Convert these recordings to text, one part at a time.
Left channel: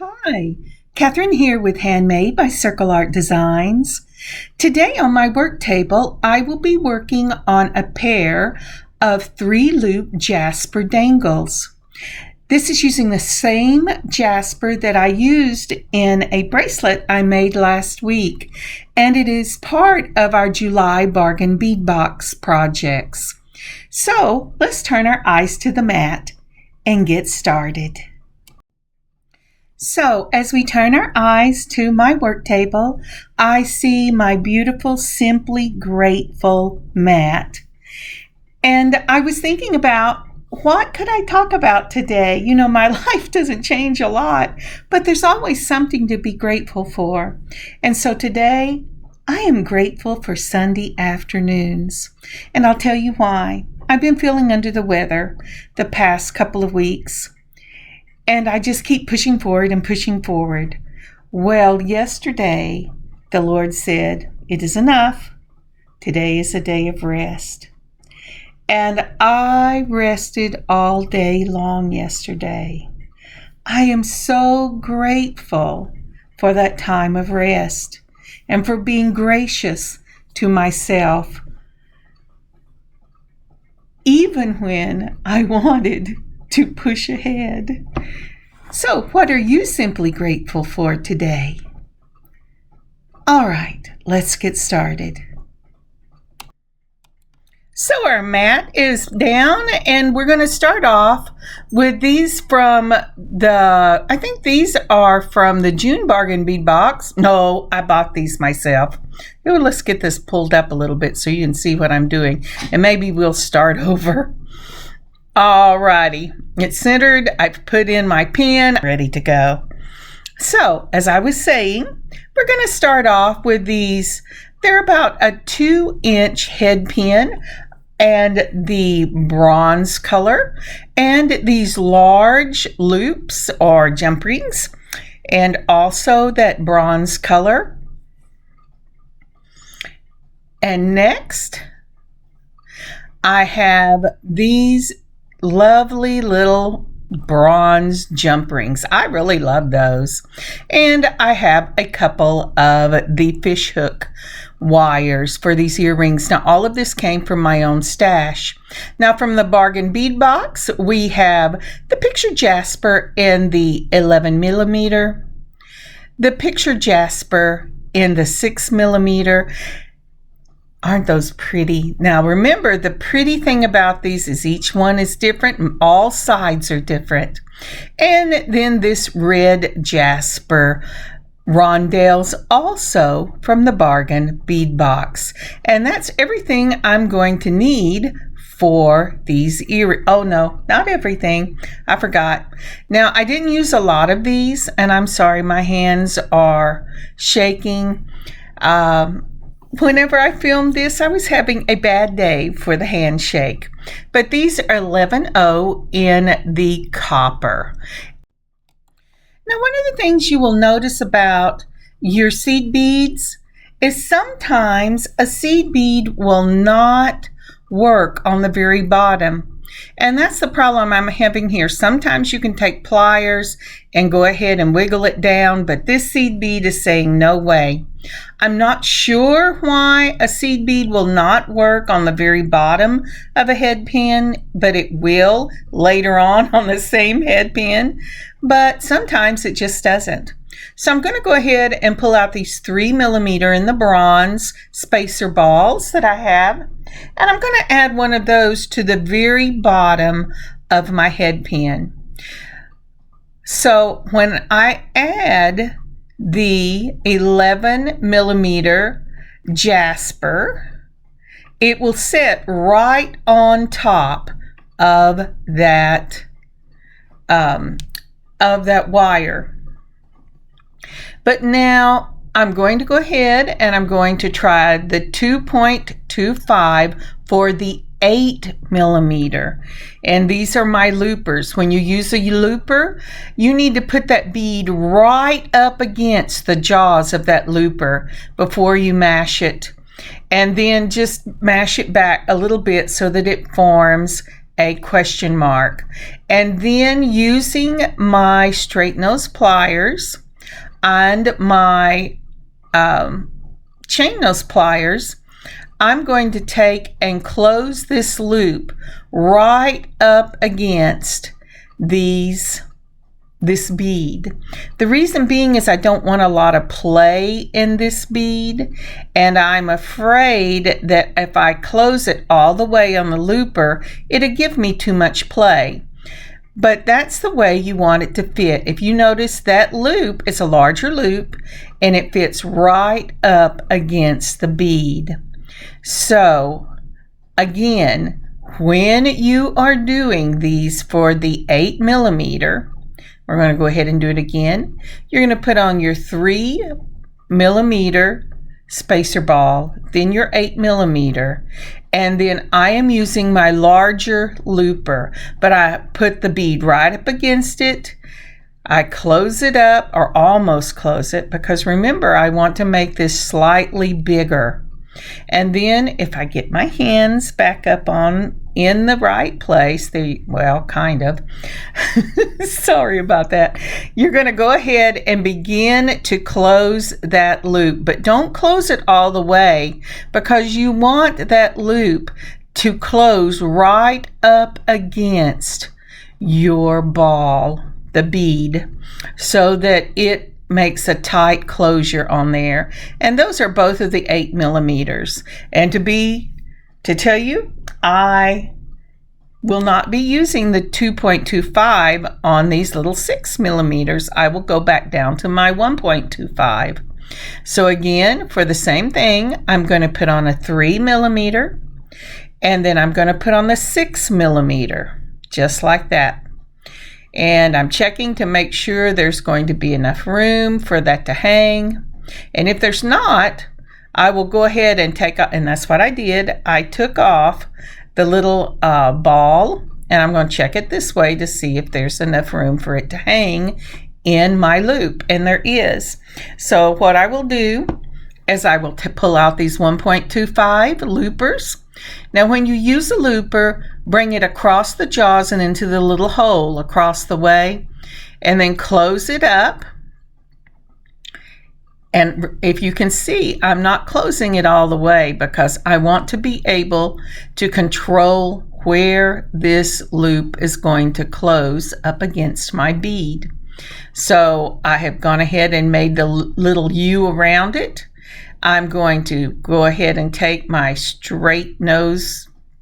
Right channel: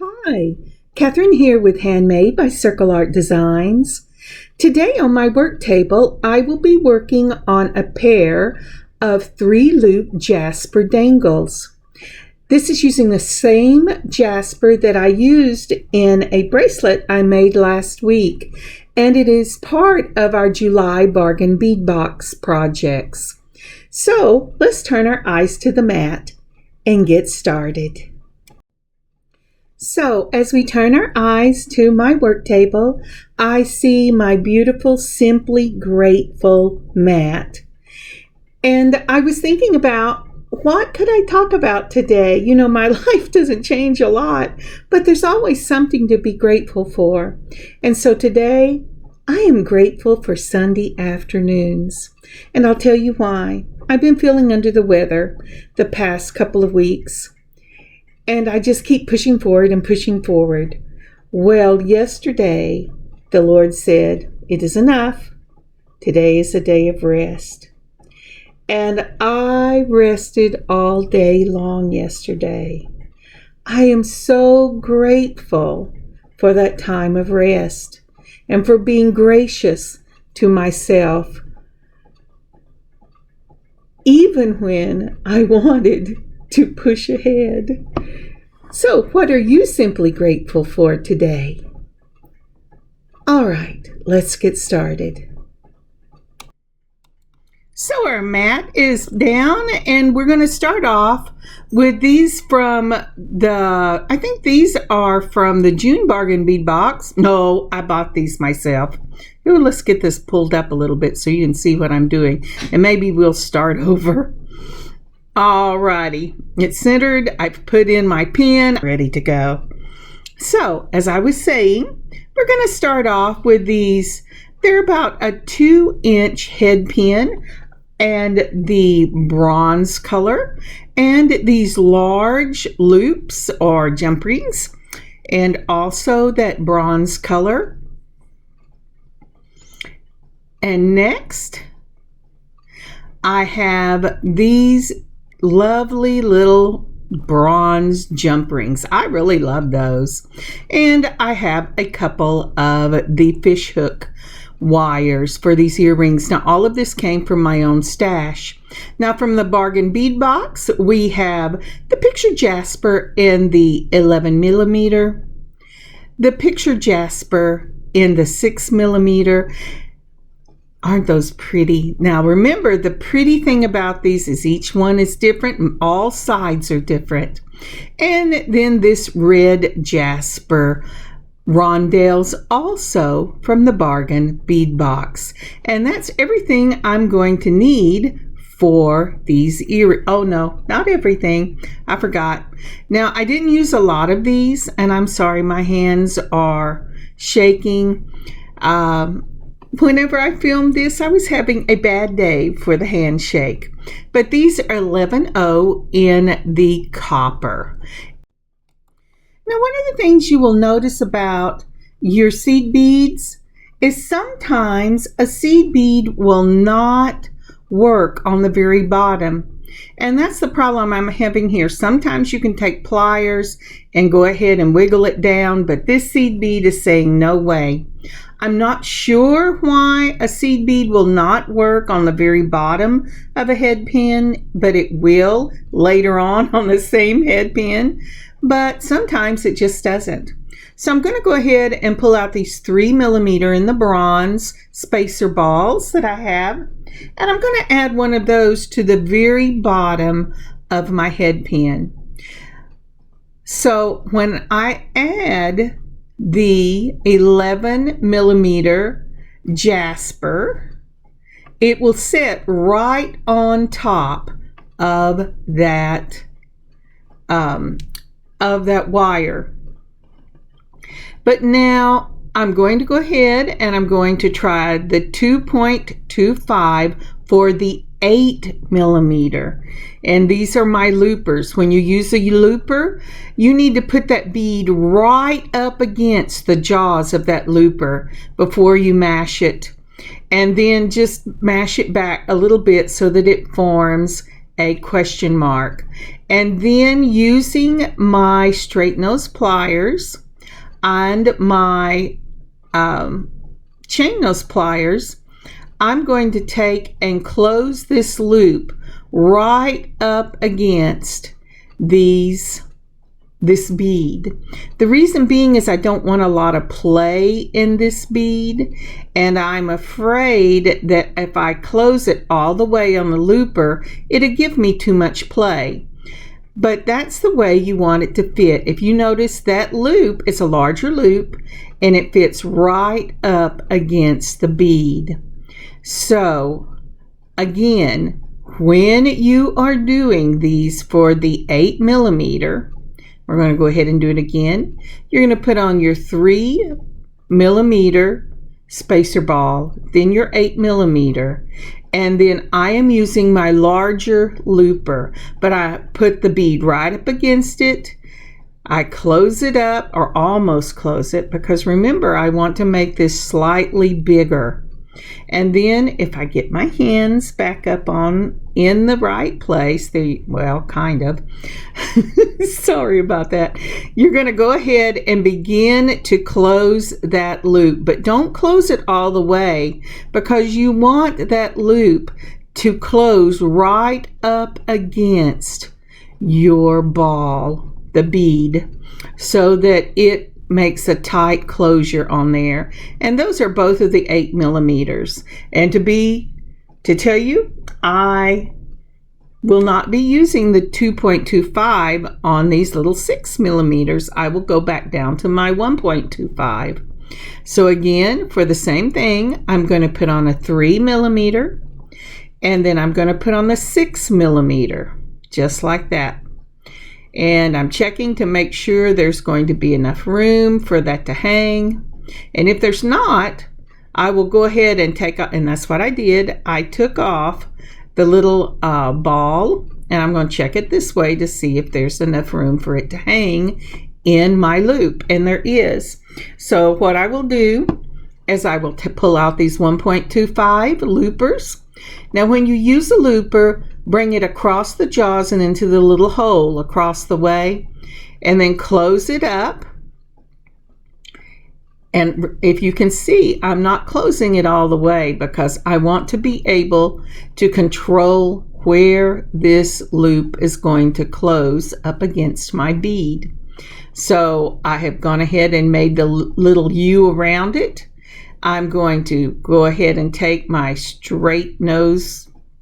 Hi, Kathryn here with Handmade by Circle Art Designs. Today on my work table, I will be working on a pair of Three Loop Jasper Dangles. This is using the same jasper that I used in a bracelet I made last week, and it is part of our July Bargain Bead box projects. So let's turn our eyes to the mat and get started. So as we turn our eyes to my work table, I see my beautiful Simply Grateful mat. And I was thinking about what could I talk about today? You know, my life doesn't change a lot, but there's always something to be grateful for. And so today, I am grateful for Sunday afternoons. And I'll tell you why. I've been feeling under the weather the past couple of weeks. And I just keep pushing forward and pushing forward. Well, yesterday, the Lord said, "It is enough. Today is a day of rest." And I rested all day long yesterday. I am so grateful for that time of rest and for being gracious to myself, even when I wanted to push ahead. So, what are you simply grateful for today? All right, let's get started. So our mat is down, and we're going to start off with these from I think these are from the June Bargain Bead box. No, I bought these myself. Ooh, let's get this pulled up a little bit so you can see what I'm doing, and maybe we'll start over. Alrighty, it's centered. I've put in my pin, ready to go. So, as I was saying, we're going to start off with these. They're about a 2-inch head pin and the bronze color, and these large loops or jump rings, and also that bronze color. And next, I have these lovely little bronze jump rings. I really love those. And I have a couple of the fish hook wires for these earrings. Now, all of this came from my own stash. Now, from the Bargain Bead box, we have the Picture Jasper in the 11 millimeter, the Picture Jasper in the 6 millimeter. Aren't those pretty? Now remember, the pretty thing about these is each one is different and all sides are different. And then this red jasper rondelles, also from the Bargain Bead box. And that's everything I'm going to need for these earrings. Oh no, not everything. I forgot. Now, I didn't use a lot of these, and I'm sorry, my hands are shaking. Whenever I filmed this, I was having a bad day for the handshake. But these are 11.0 in the copper. Now, one of the things you will notice about your seed beads is sometimes a seed bead will not work on the very bottom. And that's the problem I'm having here. Sometimes you can take pliers and go ahead and wiggle it down, but this seed bead is saying no way. I'm not sure why a seed bead will not work on the very bottom of a head pin, but it will later on the same head pin, but sometimes it just doesn't. So I'm going to go ahead and pull out these 3 millimeter in the bronze spacer balls that I have, and I'm going to add one of those to the very bottom of my head pin. So when I add the 11 millimeter jasper, it will sit right on top of that wire. But now I'm going to go ahead and I'm going to try the 2.25 for the 8 millimeter. And these are my loopers. When you use a looper, you need to put that bead right up against the jaws of that looper before you mash it. And then just mash it back a little bit so that it forms a question mark. And then using my straight nose pliers and my chain nose pliers, I'm going to take and close this loop right up against this bead. The reason being is I don't want a lot of play in this bead, and I'm afraid that if I close it all the way on the looper, it'll give me too much play. But that's the way you want it to fit. If you notice that loop, it's a larger loop and it fits right up against the bead. So again, when you are doing these for the 8 millimeter, we're going to go ahead and do it again. You're going to put on your 3 millimeter spacer ball, then your 8 millimeter, and then I am using my larger looper, but I put the bead right up against it. I close it up, or almost close it, because remember, I want to make this slightly bigger. And then if I get my hands back up in the right place, well, kind of. Sorry about that. You're going to go ahead and begin to close that loop, but don't close it all the way, because you want that loop to close right up against your ball, the bead, so that it makes a tight closure on there. And those are both of the 8 millimeters. And to tell you, I will not be using the 2.25 on these little 6 millimeters. I will go back down to my 1.25. So again, for the same thing, I'm going to put on a 3 millimeter, and then I'm going to put on the 6 millimeter, just like that. And I'm checking to make sure there's going to be enough room for that to hang. And if there's not, I will go ahead and take off, and that's what I did. I took off the little ball, and I'm going to check it this way to see if there's enough room for it to hang in my loop, and there is. So what I will do is I will pull out these 1.25 loopers. Now when you use a looper, bring it across the jaws and into the little hole across the way, and then close it up. And if you can see, I'm not closing it all the way because I want to be able to control where this loop is going to close up against my bead. So I have gone ahead and made the little U around it. I'm going to go ahead and take my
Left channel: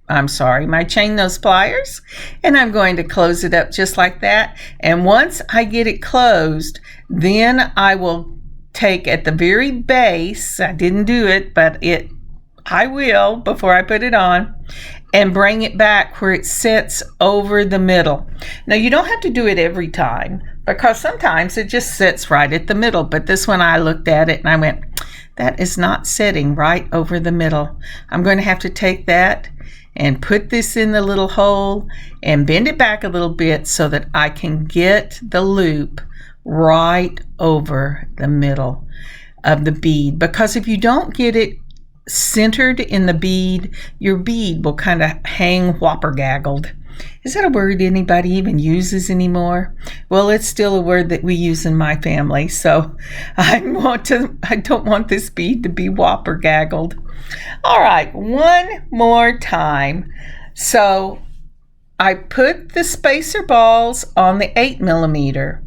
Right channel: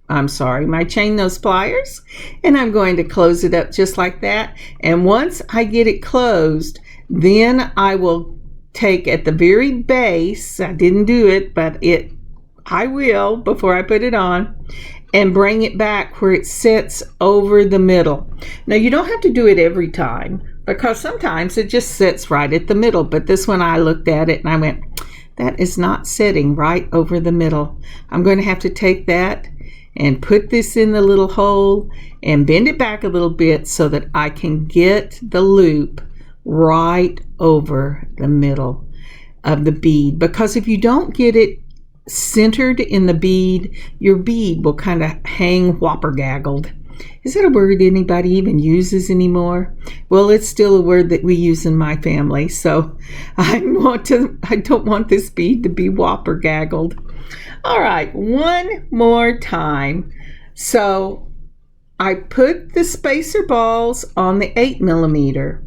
my chain nose pliers, and I'm going to close it up just like that. And once I get it closed, then I will take at the very base, I didn't do it, but I will before I put it on, and bring it back where it sits over the middle. Now you don't have to do it every time, because sometimes it just sits right at the middle, but this one I looked at it and I went, that is not sitting right over the middle. I'm going to have to take that and put this in the little hole and bend it back a little bit so that I can get the loop right over the middle of the bead. Because if you don't get it centered in the bead, your bead will kind of hang whopper-gaggled. Is that a word anybody even uses anymore? Well, it's still a word that we use in my family, so I don't want this bead to be whopper-gaggled. All right, one more time. So I put the spacer balls on the 8 millimeter,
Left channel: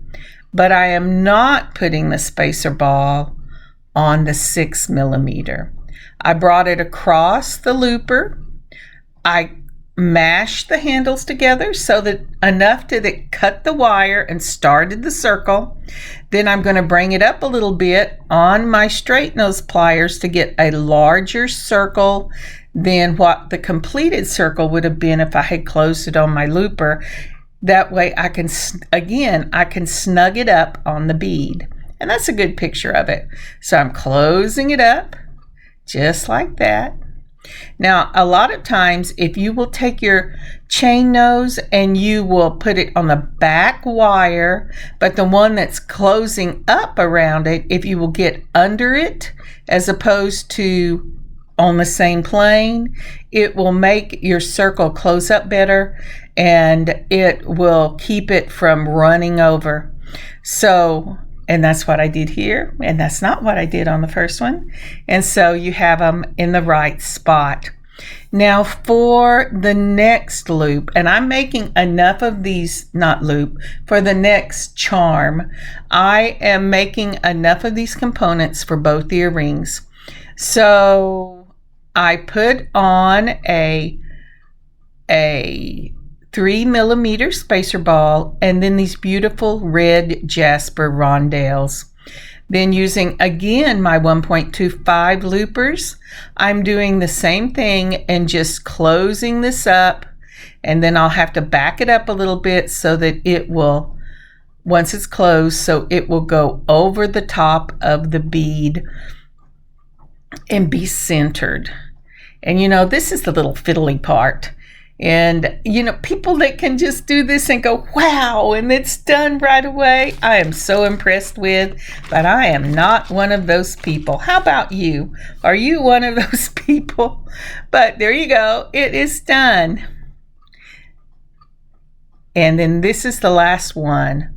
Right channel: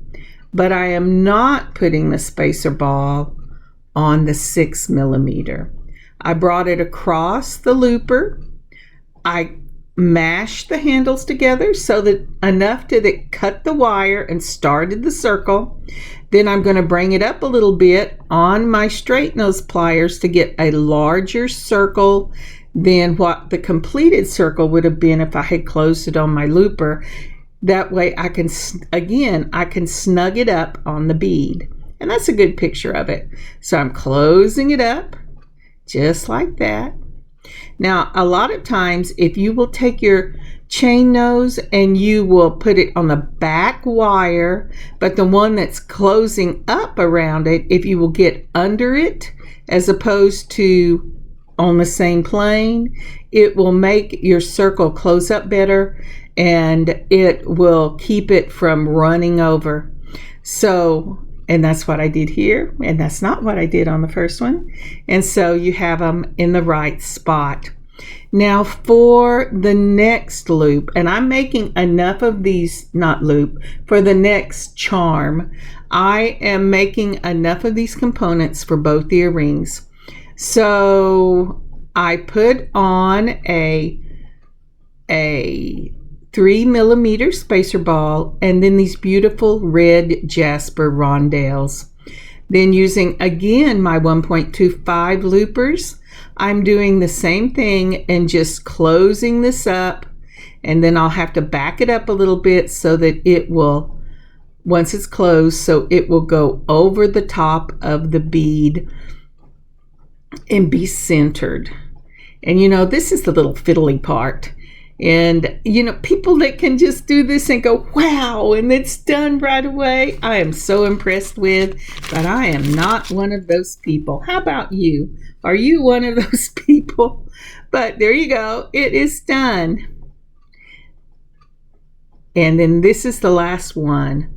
but I am not putting the spacer ball on the 6 millimeter. I brought it across the looper. I mashed the handles together so that enough that it cut the wire and started the circle. Then I'm going to bring it up a little bit on my straight nose pliers to get a larger circle than what the completed circle would have been if I had closed it on my looper. That way I can snug it up on the bead. And that's a good picture of it. So I'm closing it up just like that. Now, a lot of times, if you will take your chain nose and you will put it on the back wire, but the one that's closing up around it, if you will get under it as opposed to on the same plane, it will make your circle close up better, and it will keep it from running over. So, and that's what I did here, and that's not what I did on the first one. And so you have them in the right spot. Now for the next loop, and I'm making enough of these, not loop, for the next charm, I am making enough of these components for both earrings. So I put on a 3mm spacer ball, and then these beautiful red Jasper rondelles. Then using again my 1.25 loopers, I'm doing the same thing and just closing this up, and then I'll have to back it up a little bit so that it will, once it's closed, so it will go over the top of the bead and be centered. And you know, this is the little fiddly part. And you know, people that can just do this and go, wow, and it's done right away, I am so impressed with, but I am not one of those people. How about you? Are you one of those people? But there you go, it is done. And then this is the last one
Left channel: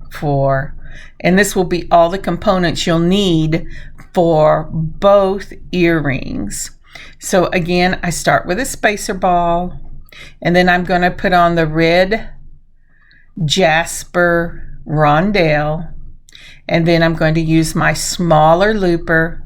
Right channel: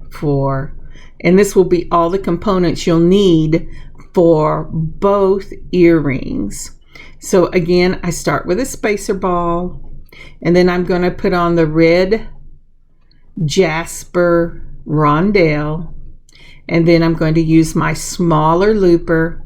and this will be all the components you'll need for both earrings. So again, I start with a spacer ball, and then I'm going to put on the red Jasper rondelle, and then I'm going to use my smaller looper,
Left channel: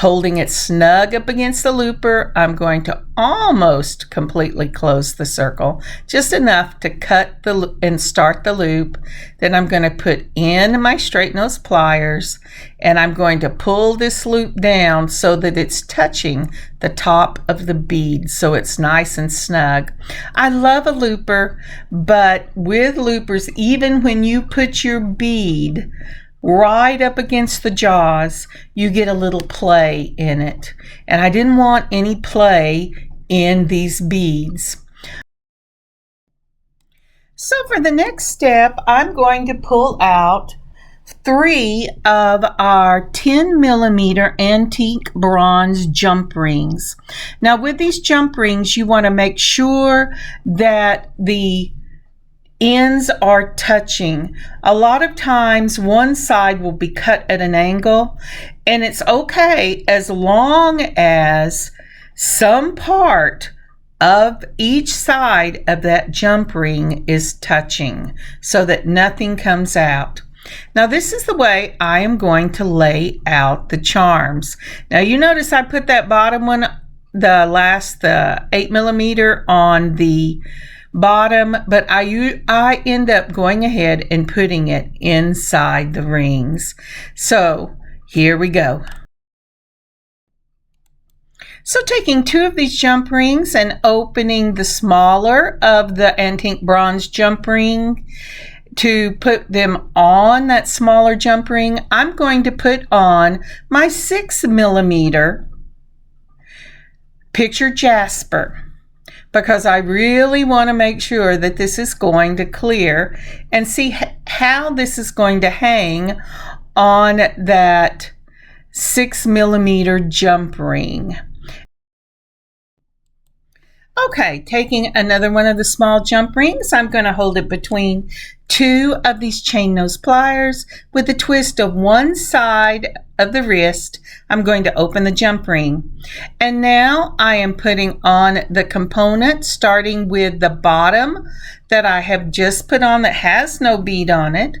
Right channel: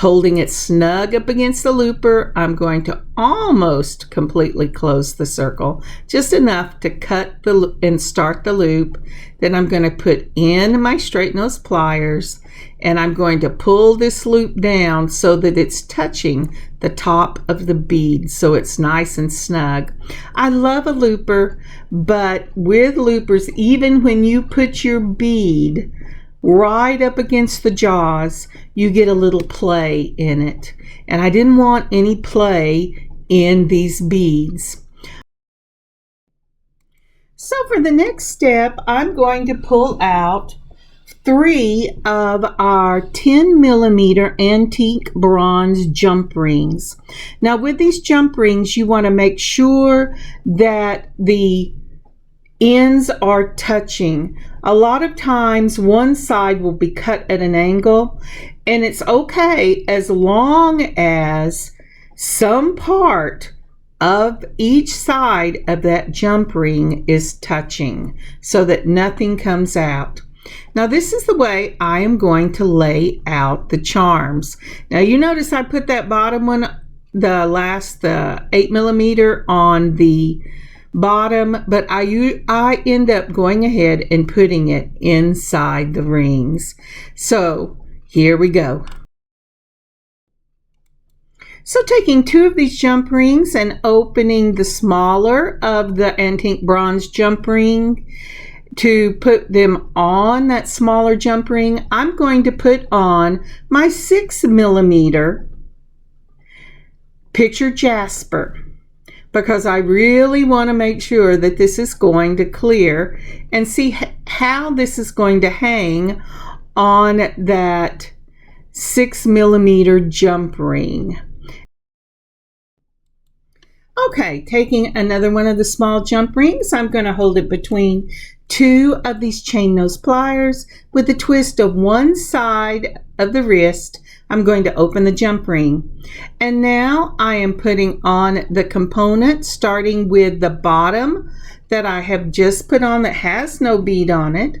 holding it snug up against the looper. I'm going to almost completely close the circle, just enough to cut and start the loop. Then I'm going to put in my straight nose pliers, and I'm going to pull this loop down so that it's touching the top of the bead, so it's nice and snug. I love a looper, but with loopers, even when you put your bead right up against the jaws, you get a little play in it. And I didn't want any play in these beads. So for the next step, I'm going to pull out 3 of our 10mm antique bronze jump rings. Now with these jump rings, you want to make sure that the ends are touching. A lot of times one side will be cut at an angle, and it's okay as long as some part of each side of that jump ring is touching so that nothing comes out. Now this is the way I am going to lay out the charms. Now you notice I put that bottom one, the 8mm on the bottom, but I end up going ahead and putting it inside the rings. So here we go. So taking 2 of these jump rings and opening the smaller of the antique bronze jump ring to put them on that smaller jump ring, I'm going to put on my 6mm Picture Jasper, because I really want to make sure that this is going to clear, and see how this is going to hang on that 6mm jump ring. Okay, taking another one of the small jump rings, I'm going to hold it between 2 of these chain nose pliers with a twist of one side of the wrist. I'm going to open the jump ring, and now I am putting on the component, starting with the bottom that I have just put on that has no bead on it,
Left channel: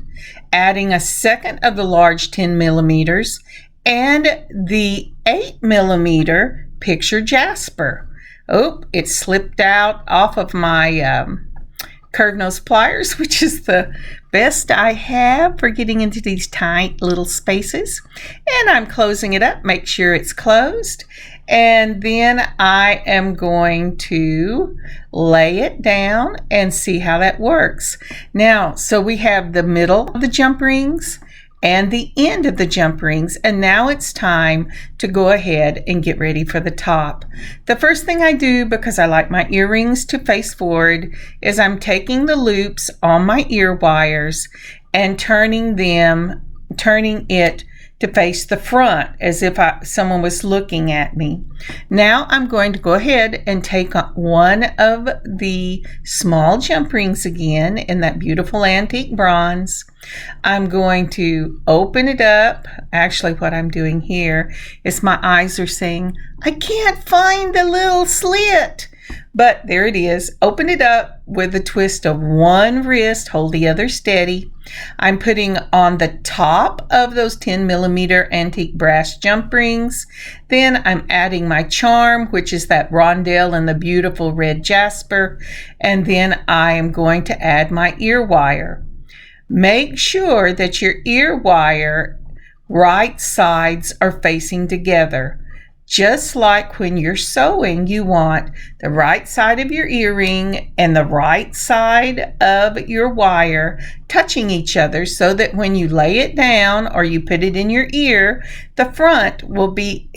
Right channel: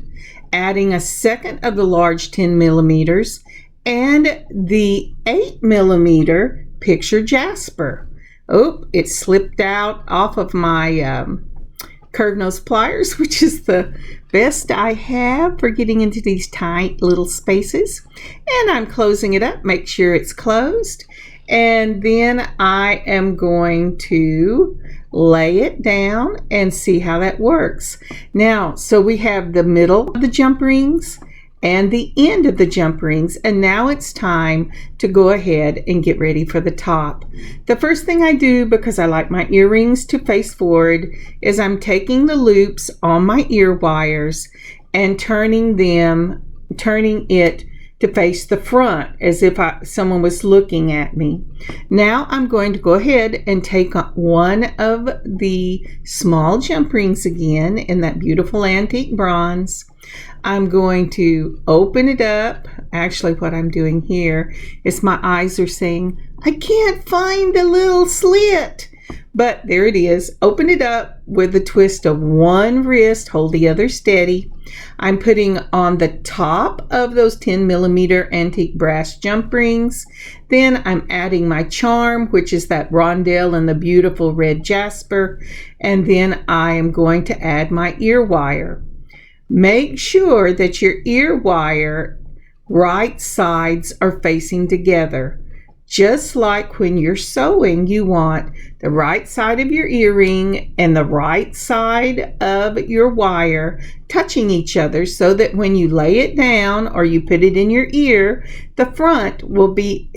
adding a second of the large 10mm and the 8mm Picture Jasper. Oh, it slipped out off of my curved nose pliers, which is the best I have for getting into these tight little spaces. And I'm closing it up, make sure it's closed. And then I am going to lay it down and see how that works. Now, so we have the middle of the jump rings and the end of the jump rings, and now it's time to go ahead and get ready for the top. The first thing I do, because I like my earrings to face forward, is I'm taking the loops on my ear wires and turning it to face the front as if someone was looking at me. Now I'm going to go ahead and take one of the small jump rings again in that beautiful antique bronze. I'm going to open it up. Actually, what I'm doing here is my eyes are saying, I can't find the little slit. But there it is. Open it up with a twist of one wrist, hold the other steady. I'm putting on the top of those 10 millimeter antique brass jump rings. Then I'm adding my charm, which is that rondelle and the beautiful red jasper. And then I am going to add my ear wire. Make sure that your ear wire right sides are facing together. Just like when you're sewing, you want the right side of your earring and the right side of your wire touching each other so that when you lay it down or you put it in your ear, the front will be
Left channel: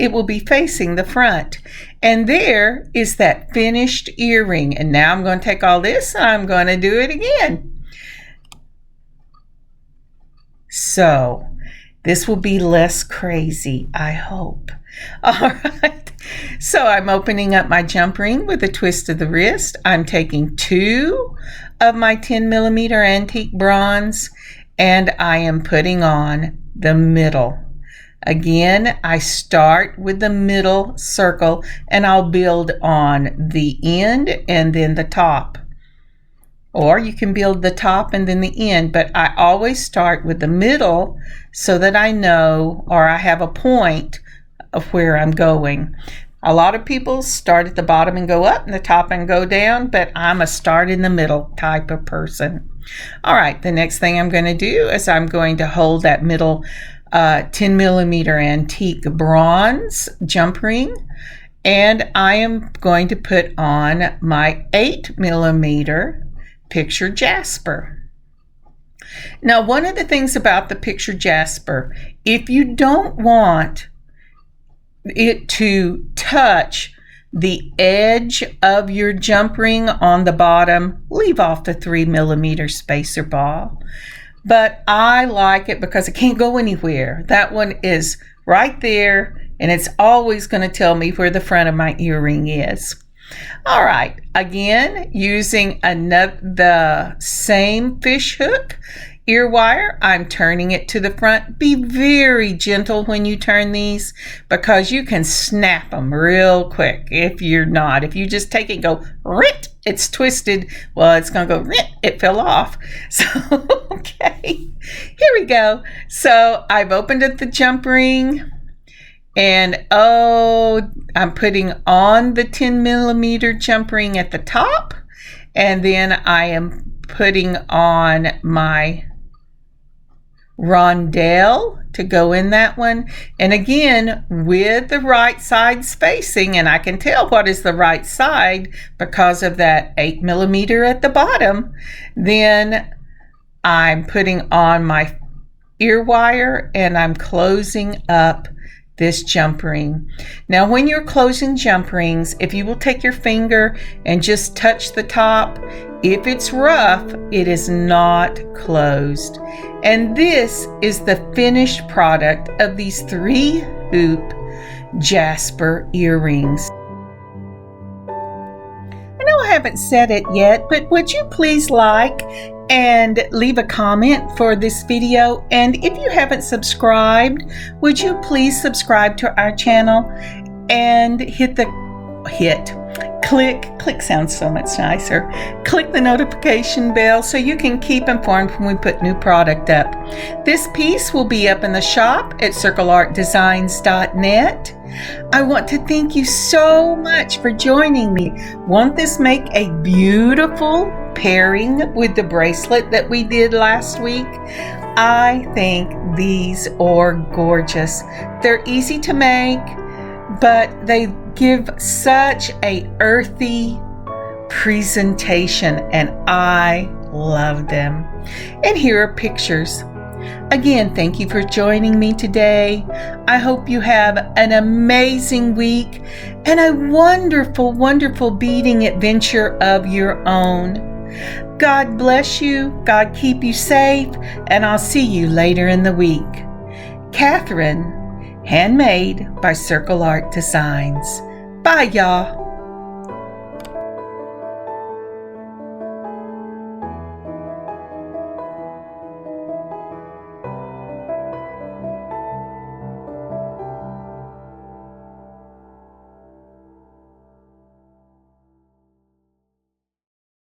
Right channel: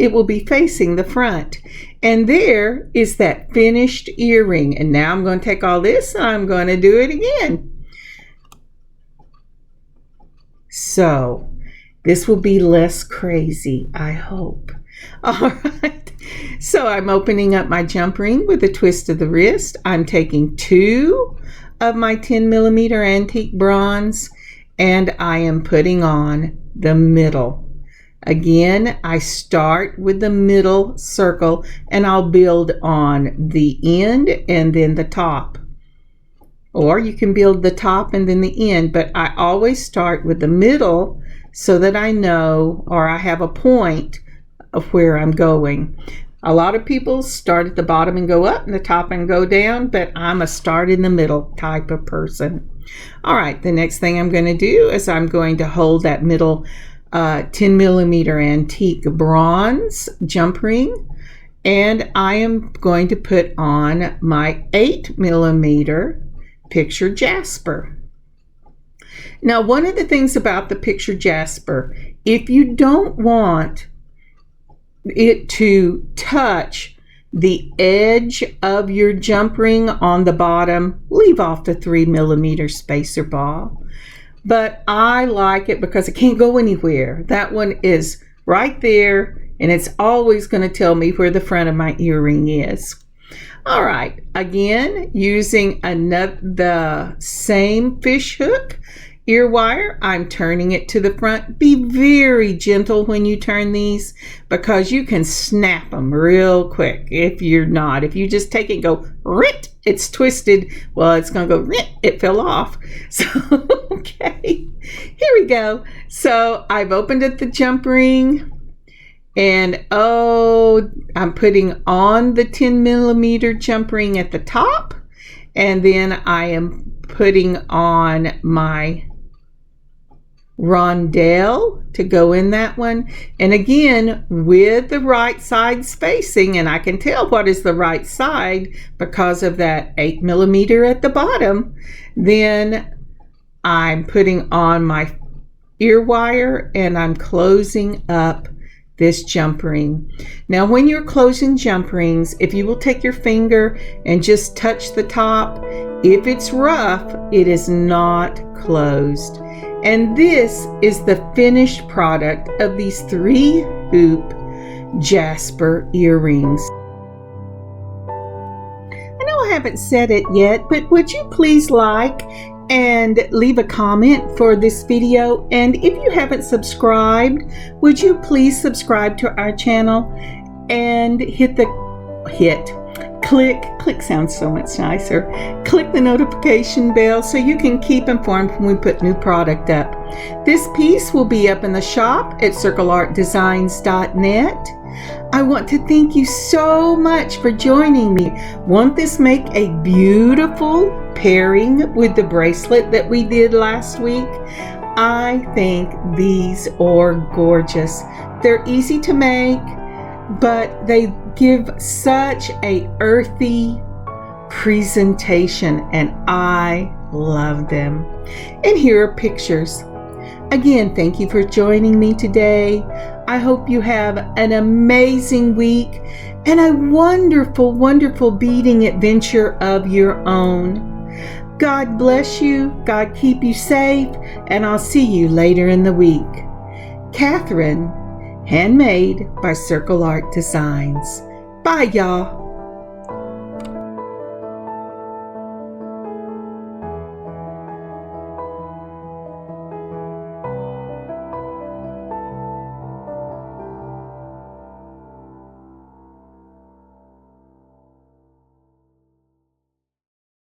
facing the front. And there is that finished earring. And now I'm going to take all this and I'm going to do it again. So this will be less crazy, I hope. All right, so I'm opening up my jump ring with a twist of the wrist. I'm taking 2 of my 10 millimeter antique bronze and I am putting on the middle. Again, I start with the middle circle and I'll build on the end and then the top. Or you can build the top and then the end, but I always start with the middle so that I know, or I have a point of where I'm going. A lot of people start at the bottom and go up and the top and go down, but I'm a start in the middle type of person. All right, the next thing I'm going to do is I'm going to hold that middle 10 millimeter antique bronze jump ring, and I am going to put on my 8 millimeter Picture Jasper. Now, one of the things about the Picture Jasper, if you don't want it to touch the edge of your jump ring on the bottom, leave off the 3 millimeter spacer ball. But I like it because it can't go anywhere. That one is right there and it's always going to tell me where the front of my earring is. All right, again, using the same fish hook ear wire, I'm turning it to the front. Be very gentle when you turn these because you can snap them real quick if you're not. If you just take it and go, rit, it's twisted, well, it's going to go, rit, it fell off. So, okay, here we go. So I've opened up the jump ring. And I'm putting on the 10 millimeter jump ring at the top. And then I am putting on my rondelle to go in that one. And again, with the right side spacing, and I can tell what is the right side because of that 8 millimeter at the bottom. Then I'm putting on my ear wire and I'm closing up this jump ring. Now, when you're closing jump rings, if you will take your finger and just touch the top, if it's rough, it is not closed. And this is the finished product of these 3 Loop Jasper earrings. I know I haven't said it yet, but would you please like and leave a comment for this video? And if you haven't subscribed, would you please subscribe to our channel and click sounds so much nicer. Click the notification bell so you can keep informed when we put new product up. This piece will be up in the shop at circleartdesigns.net. I want to thank you so much for joining me. Won't this make a beautiful pairing with the bracelet that we did last week? I think these are gorgeous. They're easy to make, but they give such a earthy presentation, and I love them. And here are pictures. Again, thank you for joining me today. I hope you have an amazing week and a wonderful, wonderful beading adventure of your own. God bless you, God keep you safe, and I'll see you later in the week. Kathryn, handmade by Circle Art Designs. Bye, y'all.